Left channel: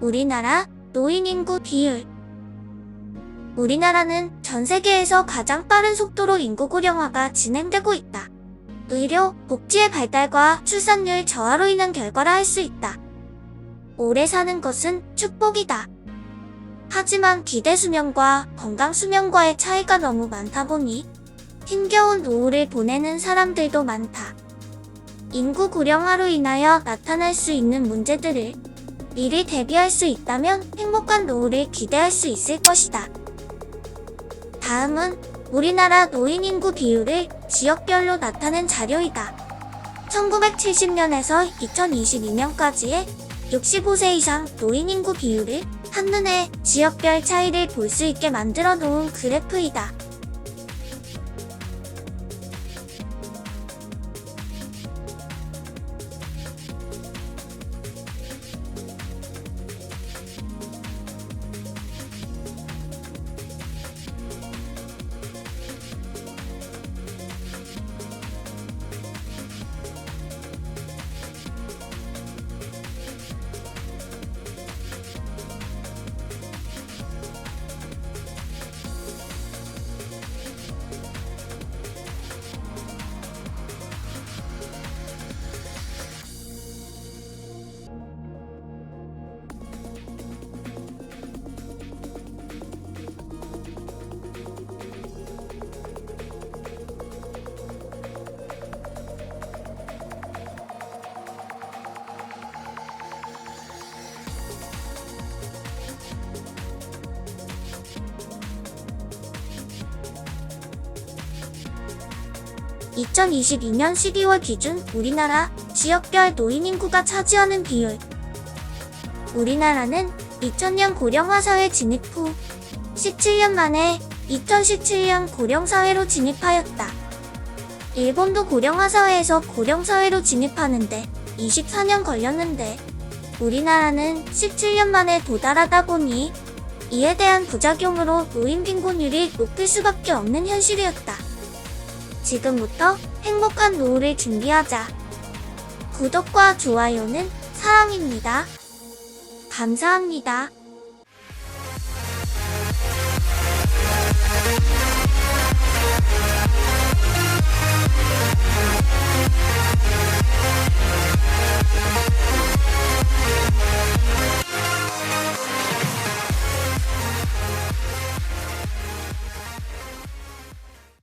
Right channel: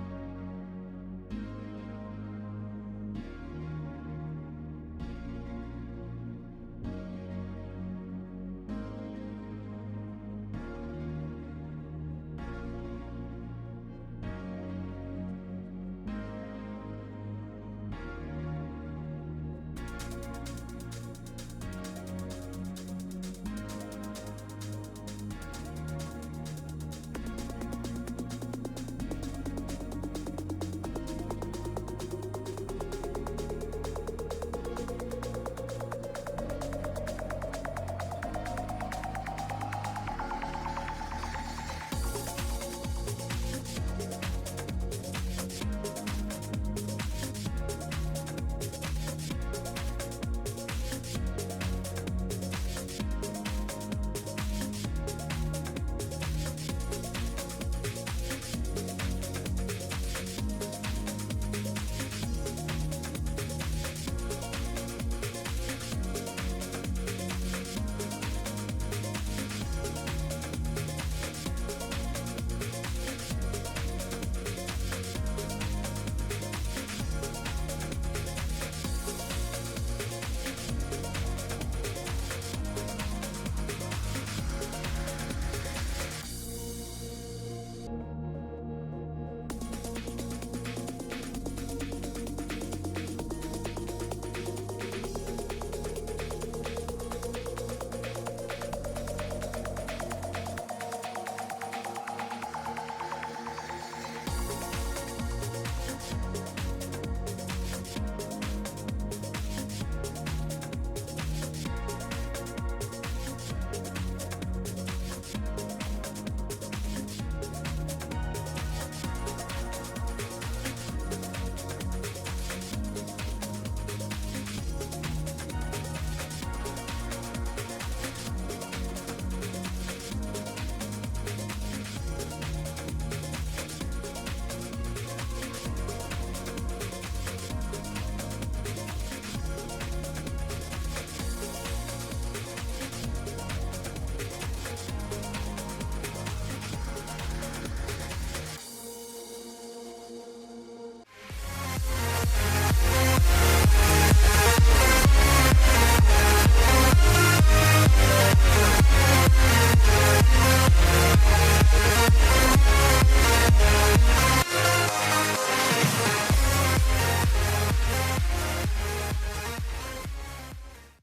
우리나라 노인 인구 비율 우리나라는 전 세계에서 가장 빠른 속도로 인구 고령화가 진행되고 있다. 의료, 복지의 발달과 출산율 저하로 인한 결과라 할 수 있다. 오래 사는 것은 축복이다. 하지만 기대 수명과 건강 수명과의 차이가 너무 많다 보니 힘겨운 노후를 보내는 사람들도 많다. 인구 고령화로 인하여 나타날 수 있는 문제들을 미리 대비할 수 있다면 행복한 노후를 기대할 수 있을 것이다. 다음은 우리나라 노인 인구 비율을 지역별로 나타낸 자료이다. 1970년에서 2022년까지의 65세 이상 노인 인구 비율을 한눈에 지역별 차이를 볼 수 있게 만들어 놓은 그래프이다. (2022년 12월) 기준 우리나라 지역별 노인 인구가 차지하는 비율 우리나라는 2000년 고령화 사회 진입 후 17년 만에 2017년 고령 사회로 진입하였다. 일본도 고령화 사회에서 고령 사회로 진입하는데 24년 걸렸는데 우리나라는 17년 만에 도달하다 보니 이에 대한 부작용으로 노인 빈곤율이 높을 수밖에 없는 현실이었다. 지금부터 행복한 노후를 준비하자. 구독과 좋아요는 사랑입니다. 감사합니다.